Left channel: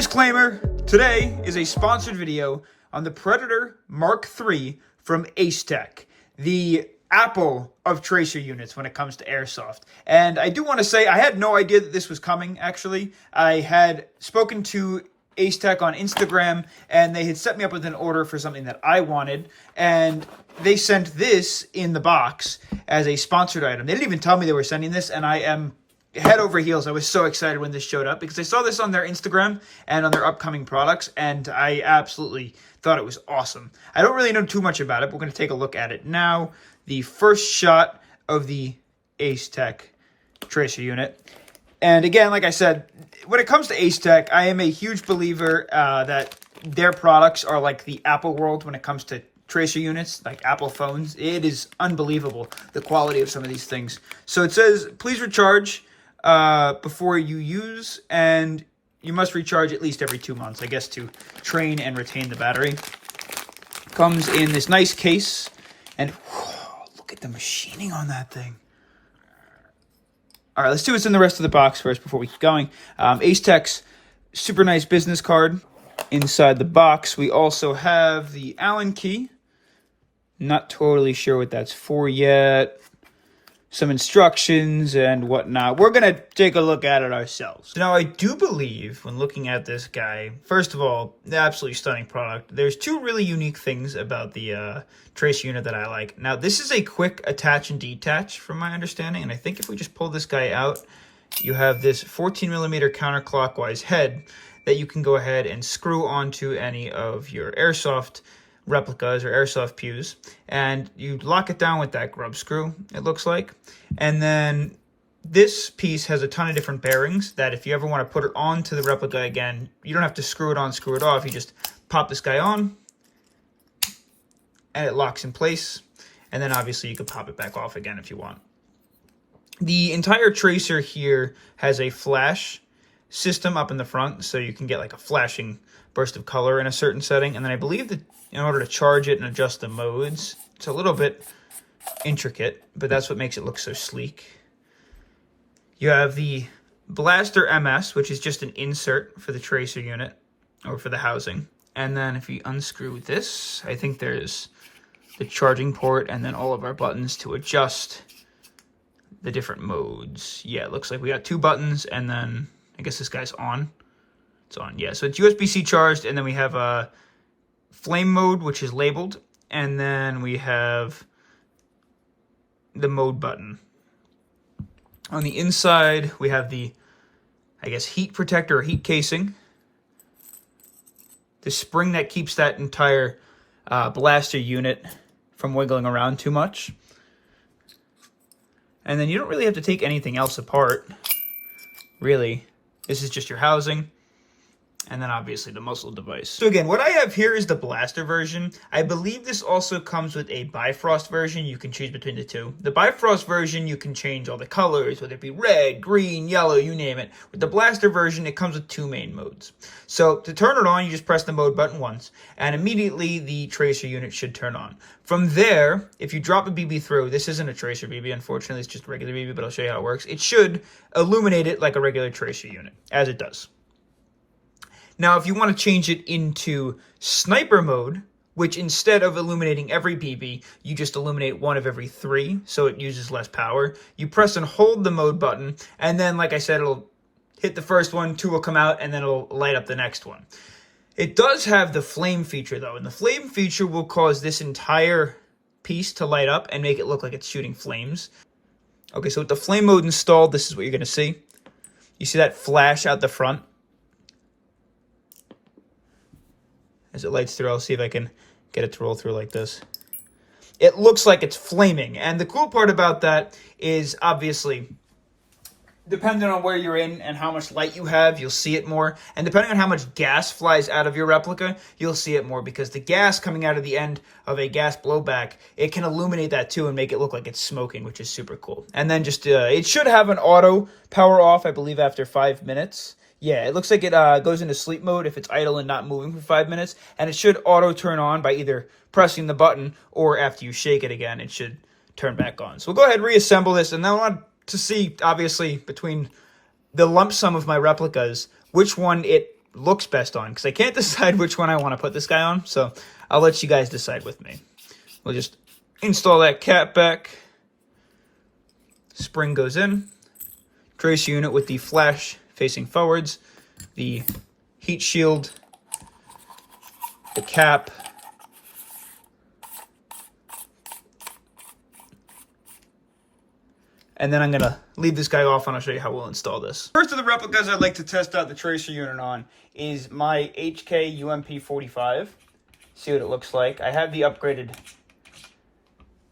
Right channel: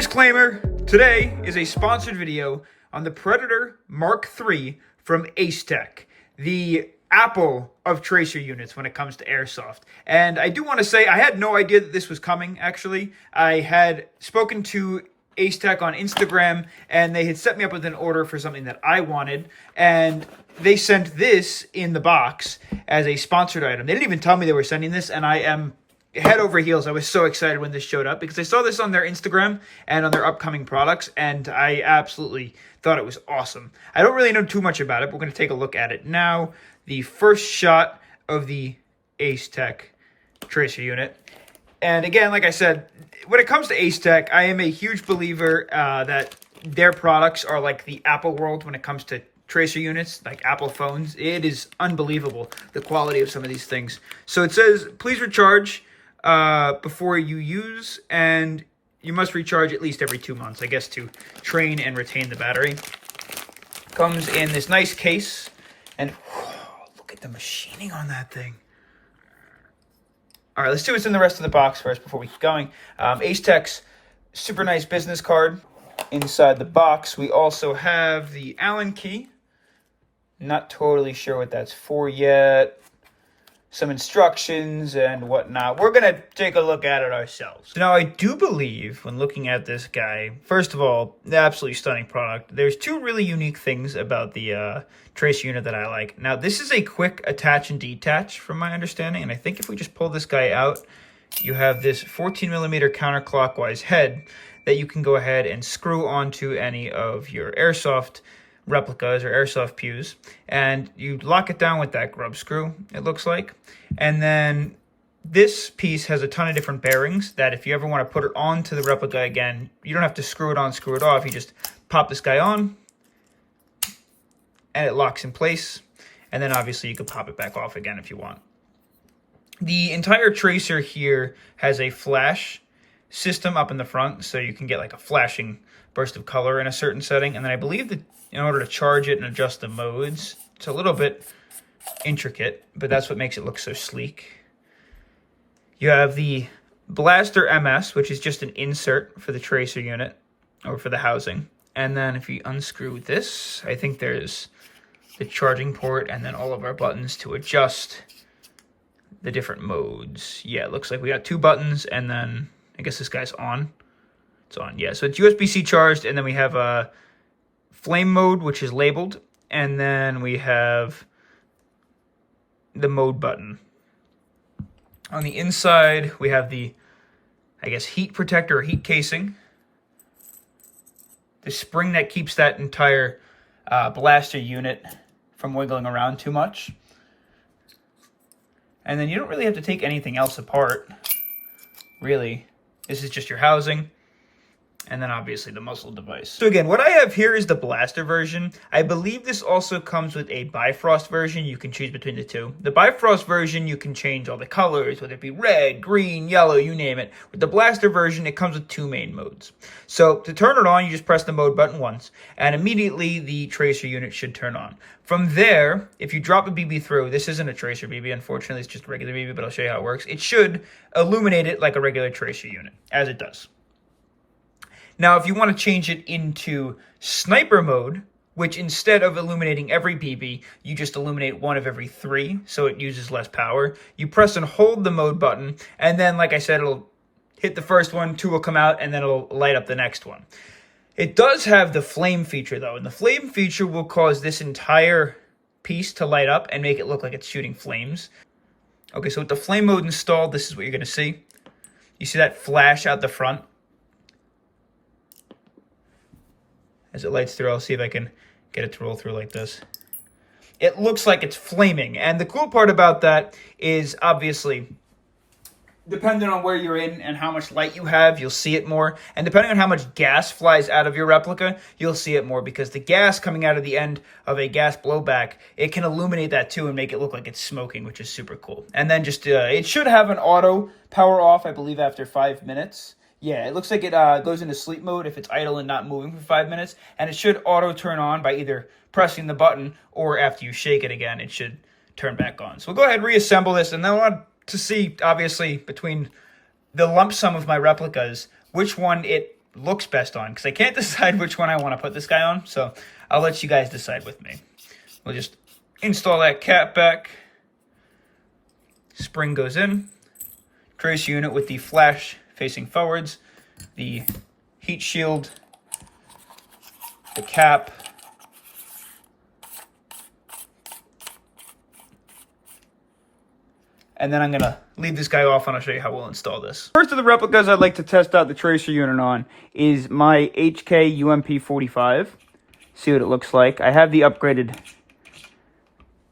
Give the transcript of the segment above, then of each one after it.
Disclaimer, today is a sponsored video on the Predator Mark III from ACETECH, the Apple of tracer units when it comes to airsoft. And I do want to say, I had no idea that this was coming, actually. I had spoken to ACETECH on Instagram, and they had set me up with an order for something that I wanted, and they sent this in the box as a sponsored item. They didn't even tell me they were sending this, and I am head over heels. I was so excited when this showed up because I saw this on their Instagram and on their upcoming products, and I absolutely thought it was awesome. I don't really know too much about it, but we're going to take a look at it now. The first shot of the ACETECH tracer unit. And again, like I said, when it comes to ACETECH, I am a huge believer that their products are like the Apple world when it comes to tracer units, like Apple phones. It is unbelievable, the quality of some of these things. So it says, please recharge before you use, and you must recharge at least every 2 months, I guess, to train and retain the battery. Comes in this nice case, and look at the machining on that thing. All right, let's see what's in the rest of the box first before we keep going. ACETECH's super nice business card. Inside the box, we also have the Allen key. Not totally sure what that's for yet. Some instructions and whatnot. We're going to take a look at it ourselves. Now, I do believe, when looking at this guy, first of all, the absolutely stunning product. There's two really unique things about the tracer unit that I like. Now, this is a quick attach and detach, from my understanding, and I think if we just pull this guy out, you have this 14mm counterclockwise head that you can go ahead and screw onto any of your airsoft replicas or airsoft pews, and you lock it down with that grub screw, it looks like. And then this piece has a ton of different bearings that if you ever want to put it onto the replica again, you don't have to screw it on, screw it off. You just pop this guy on and it locks in place, and then obviously you can pop it back off again if you want. The entire tracer here has a flash system up in the front, so you can get like a flashing burst of color in a certain setting. And then I believe that in order to charge it and adjust the modes, it's a little bit intricate, but that's what makes it look so sleek. You have the Blaster MS, which is just an insert for the tracer unit, or for the housing. And then if you unscrew this, I think there's the charging port and then all of our buttons to adjust the different modes. Yeah, it looks like we got two buttons, and then I guess this guy's on. It's on, yeah. So it's USB-C charged, and then we have a flame mode, which is labeled, and then we have the mode button. On the inside, we have the, I guess, heat protector or heat casing. The spring that keeps that entire blaster unit from wiggling around too much. And then you don't really have to take anything else apart, really. This is just your housing, and then obviously the muzzle device. So again, what I have here is the blaster version. I believe this also comes with a Bifrost version. You can choose between the two. The Bifrost version, you can change all the colors, whether it be red, green, yellow, you name it. With the blaster version, it comes with two main modes. So to turn it on, you just press the mode button once, and immediately the tracer unit should turn on. From there, if you drop a BB through, this isn't a tracer BB, unfortunately, it's just a regular BB, but I'll show you how it works. It should illuminate it like a regular tracer unit, as it does. Now, if you want to change it into sniper mode, which instead of illuminating every BB, you just illuminate one of every 3, so it uses less power. You press and hold the mode button, and then, like I said, it'll hit the first one, 2 will come out, and then it'll light up the next one. It does have the flame feature, though, and the flame feature will cause this entire piece to light up and make it look like it's shooting flames. Okay, so with the flame mode installed, this is what you're going to see. You see that flash out the front? As it lights through, I'll see if I can get it to roll through like this. It looks like it's flaming, and the cool part about that is, obviously, depending on where you're in and how much light you have, you'll see it more. And depending on how much gas flies out of your replica, you'll see it more, because the gas coming out of the end of a gas blowback, it can illuminate that too and make it look like it's smoking, which is super cool. And then just, it should have an auto power off, I believe, after 5 minutes. Yeah, it looks like it goes into sleep mode if it's idle and not moving for 5 minutes. And it should auto turn on by either pressing the button or after you shake it again, it should turn back on. So we'll go ahead and reassemble this, and then I want to see, obviously, between the lump sum of my replicas, which one it looks best on, because I can't decide which one I want to put this guy on, so I'll let you guys decide with me. We'll just install that cap back. Spring goes in. Tracer unit with the flash facing forwards. The heat shield. The cap. And then I'm going to leave this guy off and I'll show you how we'll install this. First of the replicas I'd like to test out the tracer unit on is my HK UMP45. See what it looks like. I have the upgraded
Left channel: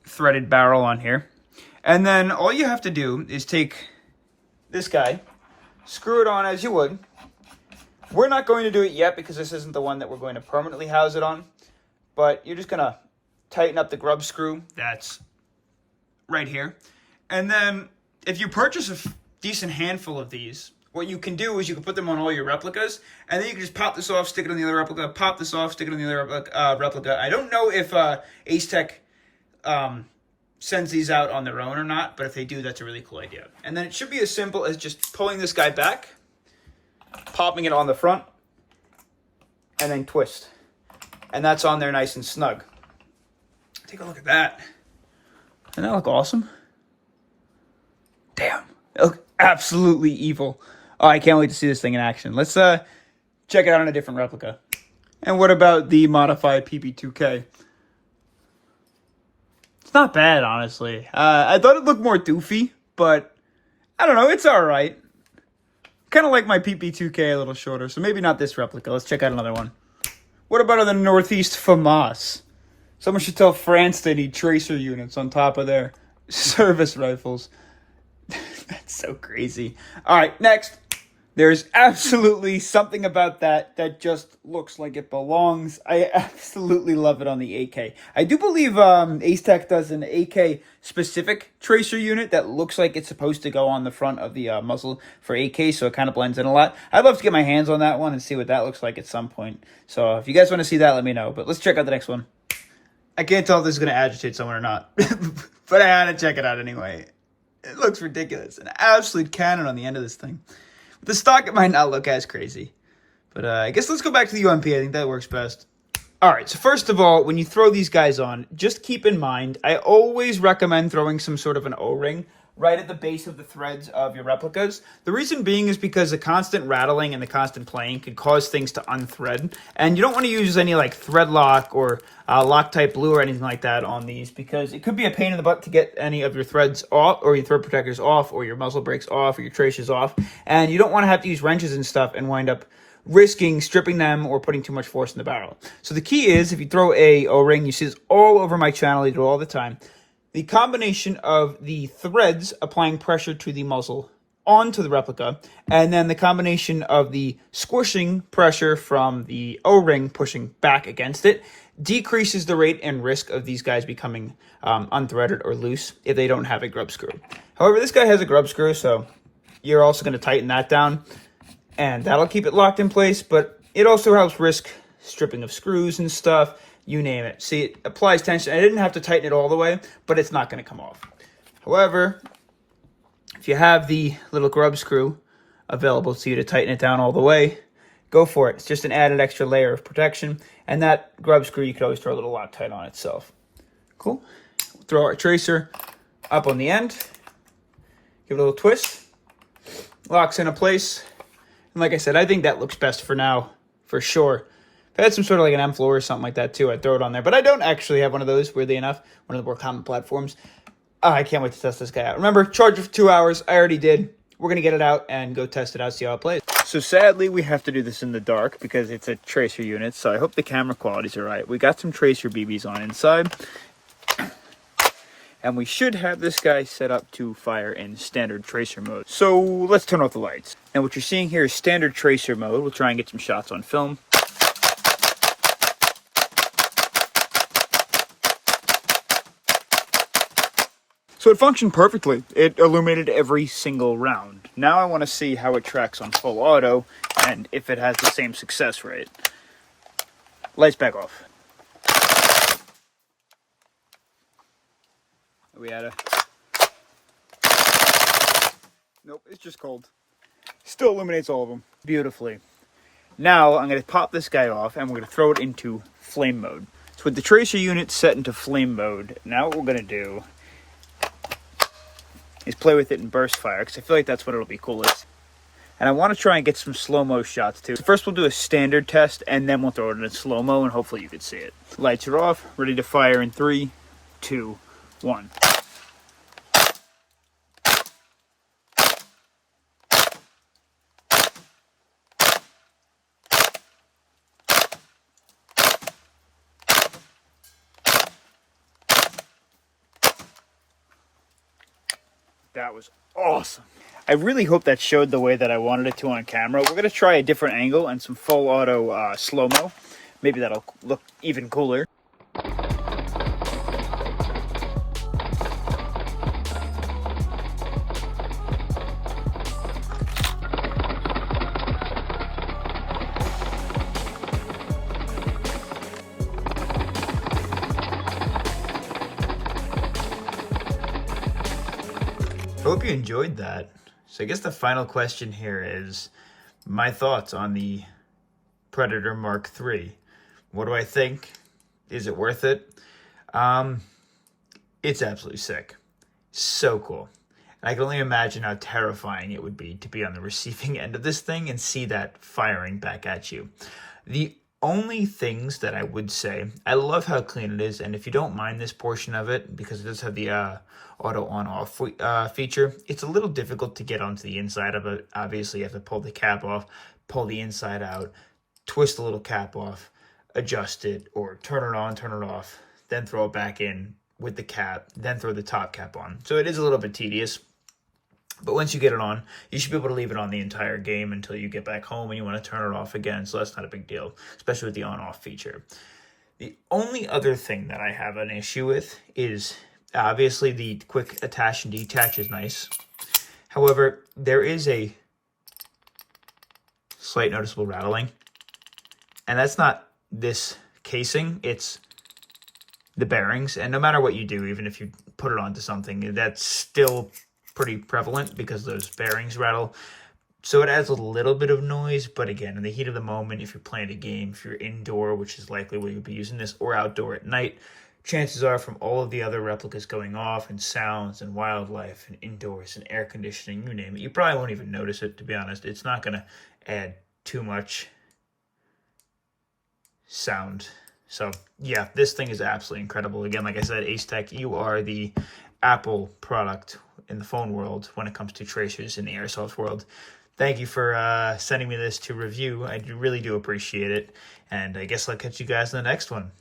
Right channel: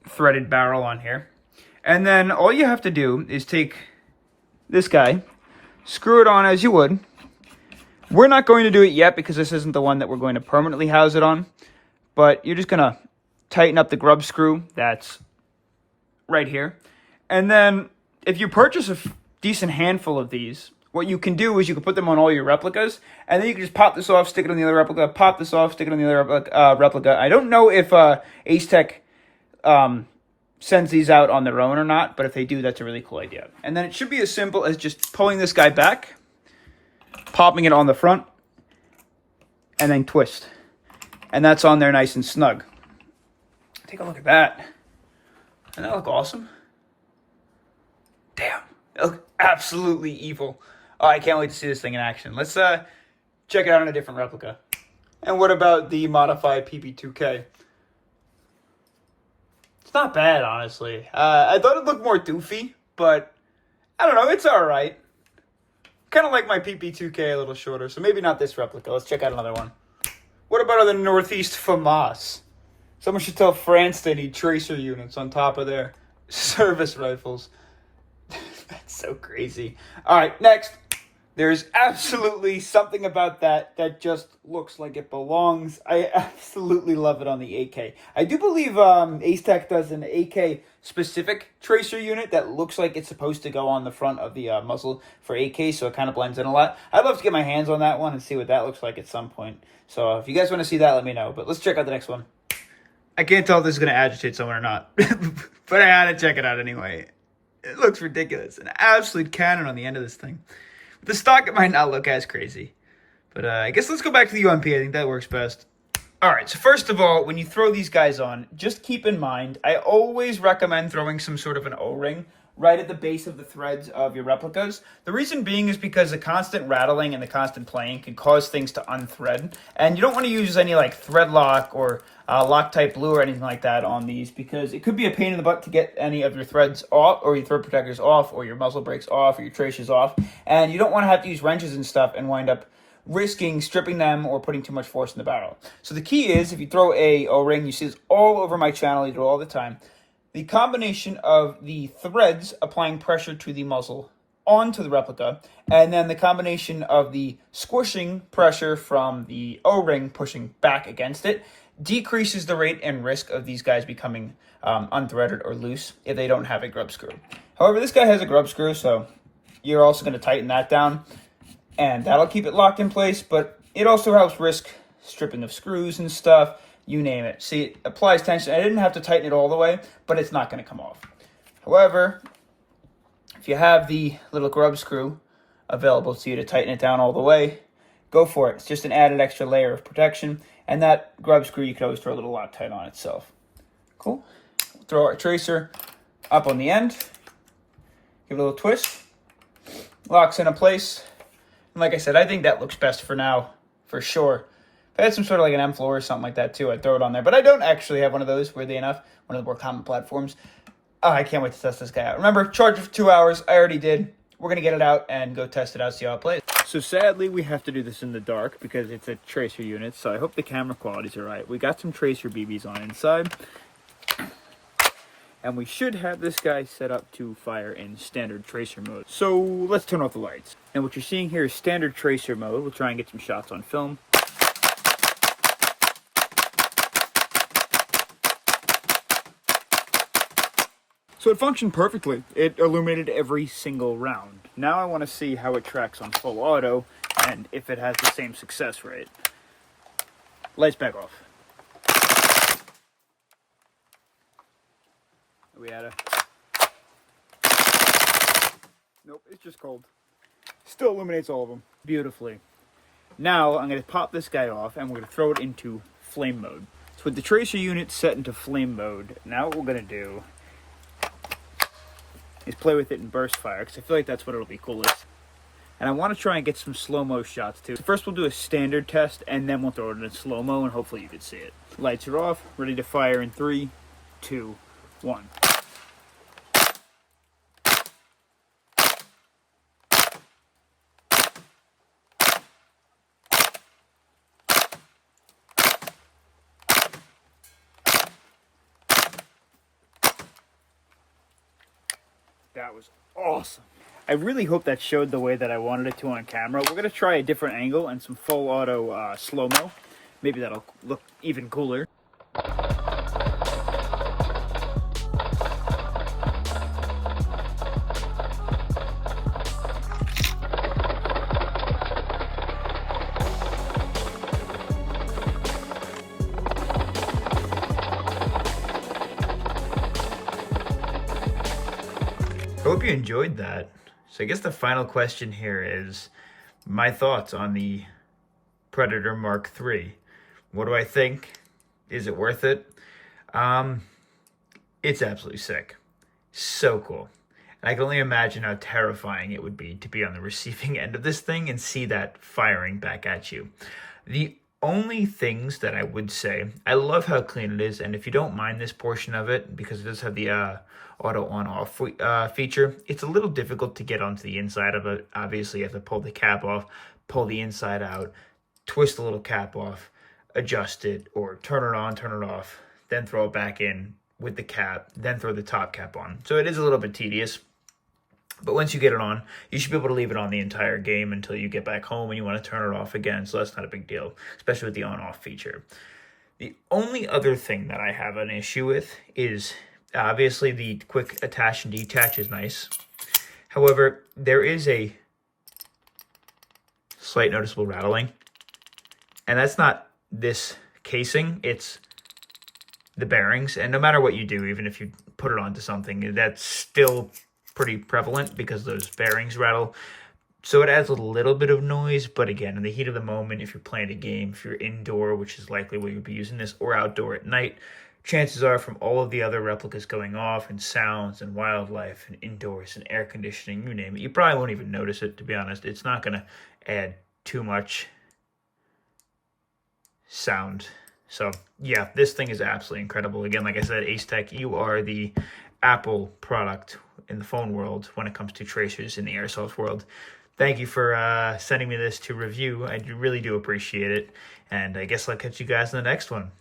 threaded barrel on here. And then all you have to do is take this guy, screw it on as you would. We're not going to do it yet because this isn't the one that we're going to permanently house it on. But you're just going to tighten up the grub screw that's right here. And then if you purchase a decent handful of these, what you can do is you can put them on all your replicas, and then you can just pop this off, stick it on the other replica, pop this off, stick it on the other replica. I don't know if ACETECH sends these out on their own or not, but if they do, that's a really cool idea. And then it should be as simple as just pulling this guy back, popping it on the front, and then twist. And that's on there nice and snug. Take a look at that. Doesn't that look awesome? Damn, it looks absolutely evil. Oh, I can't wait to see this thing in action. Let's check it out on a different replica. And what about the modified PP2K? It's not bad, honestly. I thought it looked more doofy, but I don't know, it's alright. Kind of like my PP2K a little shorter, so maybe not this replica. Let's check out another one. What about the Northeast FAMAS? Someone should tell France they need tracer units on top of their service rifles. That's so crazy. All right, next. There's absolutely something about that that just looks like it belongs. I absolutely love it on the AK. I do believe ACETECH does an AK specific tracer unit that looks like it's supposed to go on the front of the muzzle for AK, so it kind of blends in a lot. I'd love to get my hands on that one and see what that looks like at some point. So if you guys want to see that, let me know. But let's check out the next one. I can't tell if this is going to agitate someone or not, but I had to check it out anyway. It looks ridiculous. An absolute cannon on the end of this thing. With the stock, it might not look as crazy. But I guess let's go back to the UMP. I think that works best. All right, so first of all, when you throw these guys on, just keep in mind, I always recommend throwing some sort of an O-ring right at the base of the threads of your replicas. The reason being is because the constant rattling and the constant playing can cause things to unthread. And you don't want to use any like thread lock or Loctite glue or anything like that on these, because it could be a pain in the butt to get any of your threads off, or your thread protectors off, or your muzzle brakes off, or your tracers off. And you don't want to have to use wrenches and stuff and wind up risking stripping them or putting too much force in the barrel. So the key is, if you throw a O-ring, you see this all over my channel, I do it all the time. The combination of the threads applying pressure to the muzzle onto the replica, and then the combination of the squishing pressure from the O-ring pushing back against it decreases the rate and risk of these guys becoming unthreaded or loose if they don't have a grub screw. However, this guy has a grub screw, so you're also going to tighten that down, and that'll keep it locked in place, but it also helps risk stripping of screws and stuff. You name it. See, it applies tension. I didn't have to tighten it all the way, but it's not going to come off. However, if you have the little grub screw available to you to tighten it down all the way, go for it. It's just an added extra layer of protection. And that grub screw, you could always throw a little Loctite on itself. Cool. Throw our tracer up on the end. Give it a little twist. Locks into place. And like I said, I think that looks best for now, for sure. If I had some sort of like an M floor or something like that too, I'd throw it on there. But I don't actually have one of those, weirdly enough. One of the more common platforms. Oh, I can't wait to test this guy out. Remember, charge it for 2 hours. I already did. We're going to get it out and go test it out, see how it plays. So sadly, we have to do this in the dark because it's a tracer unit. So I hope the camera quality's all right. We got some tracer BBs on inside. And we should have this guy set up to fire in standard tracer mode. So let's turn off the lights. And what you're seeing here is standard tracer mode. We'll try and get some shots on film. So it functioned perfectly. It illuminated every single round. Now I want to see how it tracks on full auto and if it has the same success rate. Lights back off. Are we at a... Nope, it's just cold. Still illuminates all of them beautifully. Now I'm going to pop this guy off and we're going to throw it into flame mode. So with the tracer unit set into flame mode, now what we're going to do is play with it in burst fire, because I feel like that's what it'll be coolest. And I want to try and get some slow-mo shots too. So first we'll do a standard test, and then we'll throw it in slow-mo, and hopefully you can see it. Lights are off, ready to fire in 3, 2, 1. That was awesome. I really hope that showed the way that I wanted it to on camera. We're going to try a different angle and some full auto slow-mo. Maybe that'll look even cooler. I hope you enjoyed that. So I guess the final question here is my thoughts on the Predator Mark III. What do I think? Is it worth it? It's absolutely sick. So cool. And I can only imagine how terrifying it would be to be on the receiving end of this thing and see that firing back at you. The only things that I would say, I love how clean it is, and if you don't mind this portion of it, because it does have the auto on-off feature, it's a little difficult to get onto the inside of it. Obviously, you have to pull the cap off, pull the inside out, twist the little cap off, adjust it, or turn it on, turn it off, then throw it back in with the cap, then throw the top cap on. So it is a little bit tedious. But once you get it on, you should be able to leave it on the entire game until you get back home and you want to turn it off again. So that's not a big deal, especially with the on-off feature. The only other thing that I have an issue with is obviously the quick attach and detach is nice. However, there is a slight noticeable rattling. And that's not this casing, it's the bearings. And no matter what you do, even if you put it onto something, that's still pretty prevalent because those bearings rattle. So it adds a little bit of noise, but again, in the heat of the moment, if you're playing a game, if you're indoor, which is likely where you'll be using this, or outdoor at night, chances are from all of the other replicas going off and sounds and wildlife and indoors and air conditioning, you name it, you probably won't even notice it, to be honest. It's not going to add too much sound. So yeah, this thing is absolutely incredible. Again, like I said, ACETECH, you are the Apple product in the phone world when it comes to tracers in the airsoft world. Thank you for sending me this to review. I really do appreciate it. And I guess I'll catch you guys in the next one.